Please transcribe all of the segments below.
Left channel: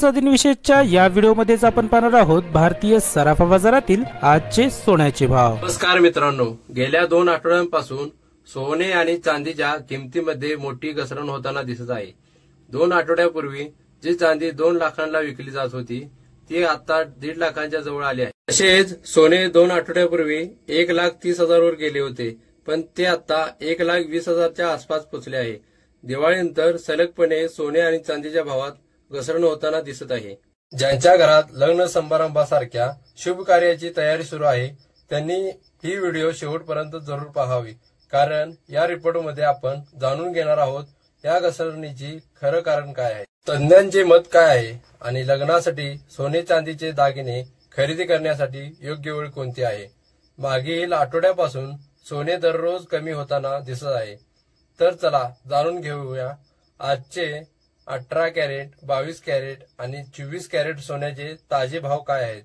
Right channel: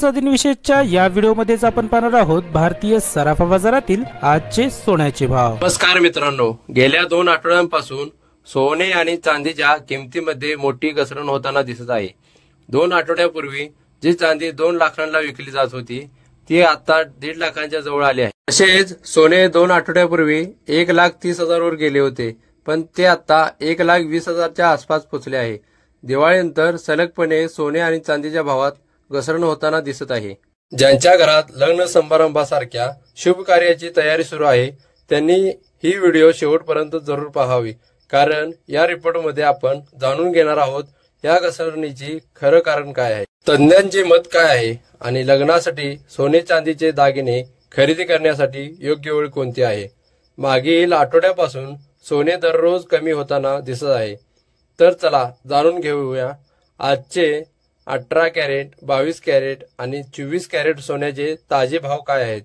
आजचा दिनविशेषच्या या व्हिडिओमध्येच आपण पाहणार आहोत भारतीय सराफा बाजारातील आजचे सोन्याचे भाव। नमस्कार मित्रांनो, गेल्या 2 आठवड्यांपासून सोने आणि चांदीच्या किमतीमध्ये मोठी घसरण होताना दिसत आहे। 2 आठवड्यापूर्वी जी चांदी 2 लाखांना विकली जात होती ती आता 1.5 लाखांच्या जवळ आली आहे। तसेच सोने 2 आठवड्यापूर्वी 1,30,000 वर गेले होते, पण ते आता 1,20,000च्या आसपास पोहोचले आहे। दिवाळीनंतर सलगपणे सोने आणि चांदीच्या भावात घसरण होताना दिसत आहे। ज्यांच्या घरात लग्न समारंभासारख्या शुभ कार्याची तयारी सुरू आहे त्यांनी ही व्हिडिओ शेवटपर्यंत जरूर पाहावी, कारण या रिपोर्टमध्ये आपण जाणून घेणार आहोत या घसरणीची खरं कारण काय आहे, तज्ञांचे मत काय आहे आणि लग्नासाठी सोने चांदीचे दागिने खरेदी करण्यासाठी योग्य वेळ कोणती आहे। मागील आठवड्यापासून सोने दररोज कमी होताना दिसत आहे, तर चला जाणून घेऊया आजचे 18 कॅरेट, 22 कॅरेट आणि 24 कॅरेट सोन्याचे ताजे भाव काय आहेत।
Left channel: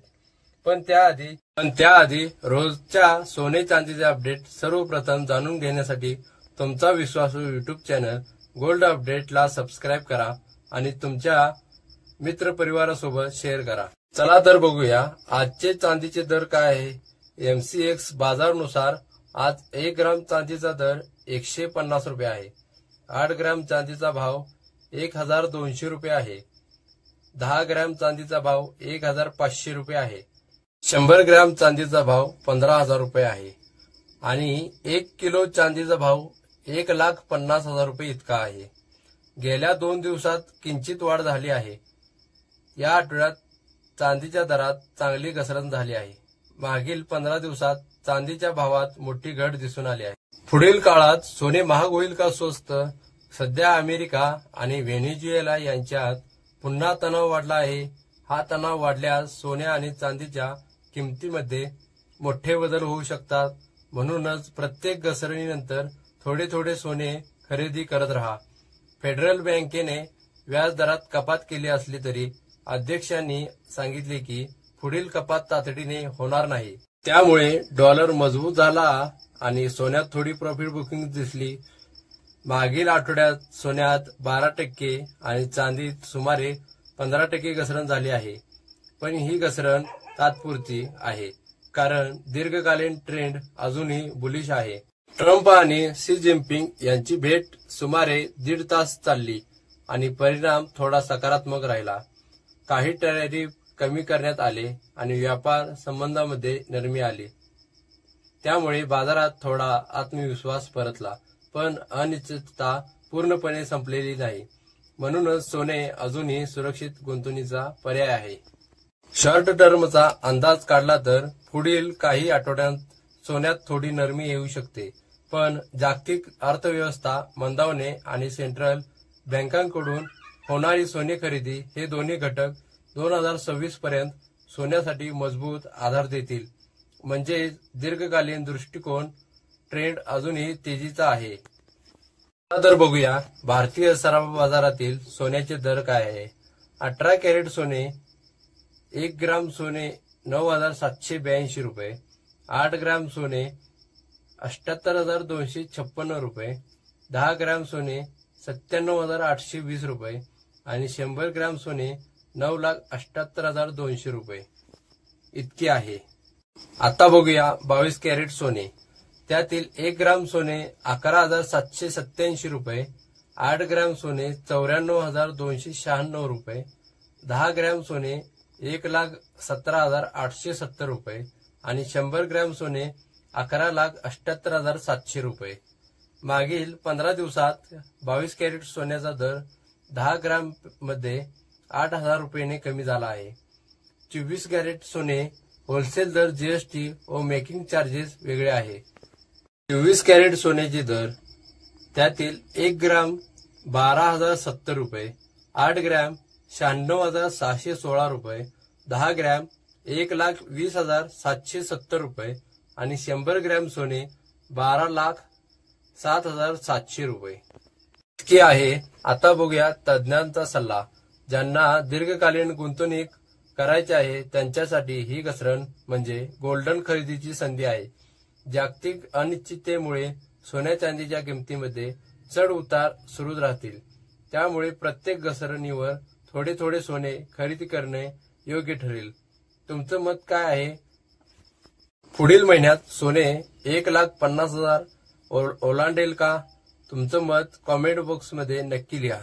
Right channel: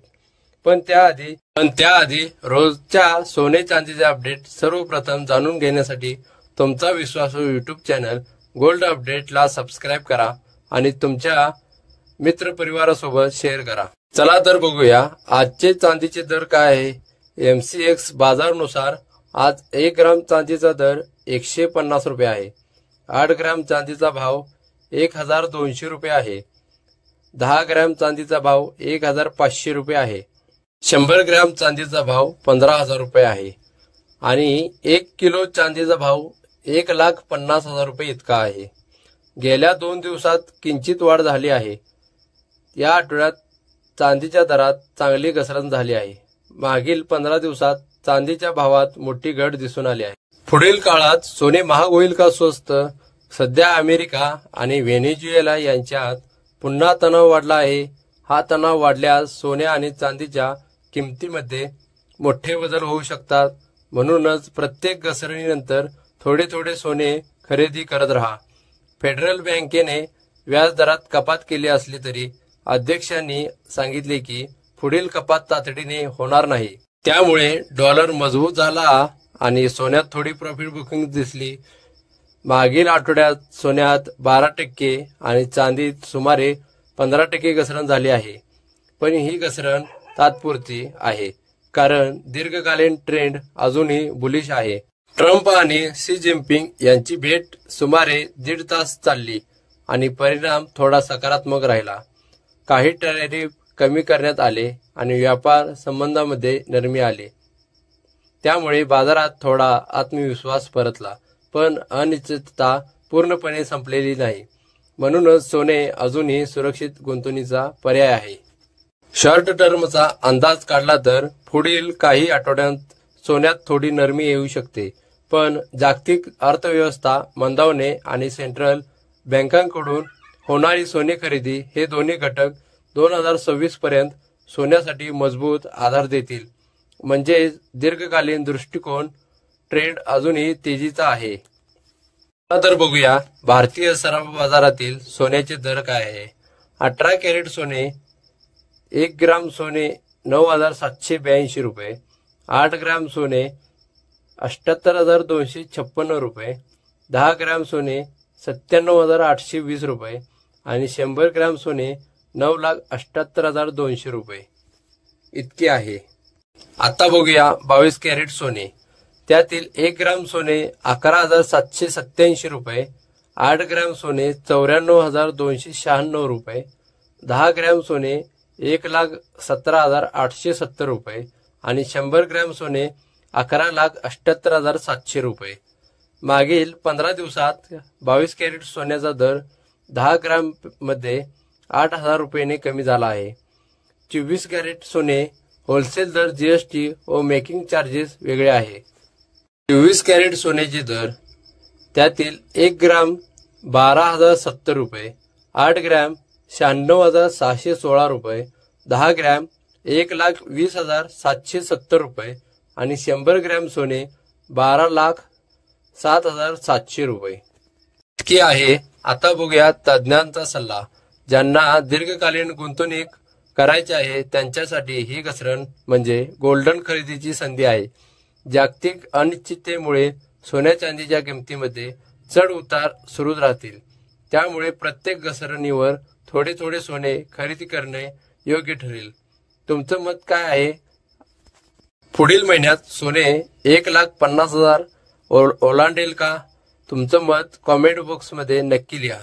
पण त्याआधी रोजच्या सोने चांदीचे अपडेट सर्वप्रथम जाणून घेण्यासाठी तुमचा विश्वासू युट्यूब चॅनल गोल्ड अपडेटला सबस्क्राईब करा आणि तुमच्या मित्रपरिवारासोबत शेअर करा। चला तर बघूया आजचे चांदीचे दर काय आहे। MCX बाजारानुसार आज 1 ग्राम चांदीचा दर 150 रुपये आहे। 8 ग्राम चांदीचा भाव 1,200 रुपये आहे। 10 ग्राम चांदीचा भाव 1,500 रुपये आहे। 100 ग्राम चांदीचा भाव 15,000 रुपये आहे आणि 1 किलो चांदीचा भाव 1,50,000 रुपये इतका आहे। गेल्या 2 दिवसात किंचित वाढ झाली आहे। या आठवड्यात चांदीच्या दरात चांगली घसरण झाली आहे। मागील 15 दिवसात चांदीच्या भावात मोठी घट दिसून आली आहे। पुढील काळात सोने महाग होईल का स्वस्त? सध्या अमेरिका आणि व्हेनेझुएला यांच्यात पुन्हा तणाव वाढला आहे। हा तणाव वाढल्यास सोने आणि चांदीच्या किमतीमध्ये मोठे बदल होऊ शकतात। म्हणूनच प्रत्येक घसरणीनंतर थोडे थोडे सोने खरेदी करत राहा। फेडरल बँकेने व्याज दरात कपात केली असली तरी अध्यक्षांनी सांगितले की पुढील कपात तातडीने होणार नाही। त्यामुळे डॉलर मजबूत झाला आणि सोन्यात थोडी प्रॉफिट बुकिंग दिसली। मागील आठवड्यात सोन्यात 12% आणि चांदीत सुमारे 15% घसरण झाली आहे, पण ही घसरण तात्पुरती आहे कारण दीर्घकालीन ट्रेंड अजूनही बुलिश आहे। ट्रम्प आणि शी जिनपिंग यांची भेट सुमारे 1.5 तास चालली आणि परिणाम थोडा सकारात्मक राहिला। काही टॅरिफ कमी करण्यात आले आणि व्यापार संबंधामध्ये नरमी आली, त्यामुळे बाजारात थोडा आत्मविश्वास परतला, पण अनिश्चितता पूर्णपणे संपलेली नाही। म्हणूनच सोने अजूनही सुरक्षित गुंतवणुकीचा पर्याय आहे। शॉर्ट टर्मचा अंदाज काढला तर पुढील काही आठवड्यांत सोन्यात थोडी नरमी येऊ शकते, पण जागतिक अर्थव्यवस्था मंदावणे आणि सेंट्रल बँकांकडून होणारी सोने खरेदी हे दोन्ही घटक 2026 पर्यंत सोन्यासाठी मजबूत आधार देतील। म्हणजे दीर्घकालीन दृष्टिकोन ट्रेंड अजूनही तेजीचा आहे। तर बघूया भारतीय सराफा बाजारातील सोन्याचे दर काय आहे। 18 कॅरेट सोने 1 ग्राम सोने 9,782 रुपये, 8 ग्राम सोने 78,256 रुपये, 10 ग्राम सोने 97,820 रुपये आणि 100 ग्राम सोने 9,78,200 रुपये इतके आहे। आता बघूया 22 कॅरेट सोने, त्यातील 1 ग्राम सोने 11,787 रुपये, 8 ग्राम सोने 94,296 रुपये, 10 ग्राम सोने 1,17,870 रुपये आणि 100 ग्राम सोने 11,78,700 रुपये। मागील 15 दिवसात 22 कॅरेट सोन्याचा दर 10 ग्राम मध्ये 8,000 रुपयांनी कमी झाला आहे। 24 कॅरेट सोने होलसेल दर GST व मेकिंग चार्जेस वेगळे आहे। 24 कॅरेट सोन्याचे दर, त्यातील 1 ग्राम 12,070 रुपये, 8 ग्राम 96,616 रुपये, 10 ग्राम 1,20,770 रुपये आणि 100 ग्रॅम सोने 12,07,700 रुपये इतकी आहे। आता बघूया तज्ञांचा सल्ला। ज्यांना दीर्घकालीन गुंतवणूक करायची आहे त्यांच्यासाठी ही घसरण म्हणजे गोल्डन खरेदीची संधी आहे। जागतिक अनिश्चिततेमुळे सोन्या चांदीच्या किमतीमध्ये चढ उतार सुरू राहतील, त्यामुळे प्रत्येक घसरणीवर थोडे थोडे सोने खरेदी करणे योग्य ठरेल. तुमचं मत काय आहे? पुढील महिन्यात सोने 1,50,000 ओलांडेल का? तुमचं मत कॉमेंट बॉक्समध्ये नक्की लिहा.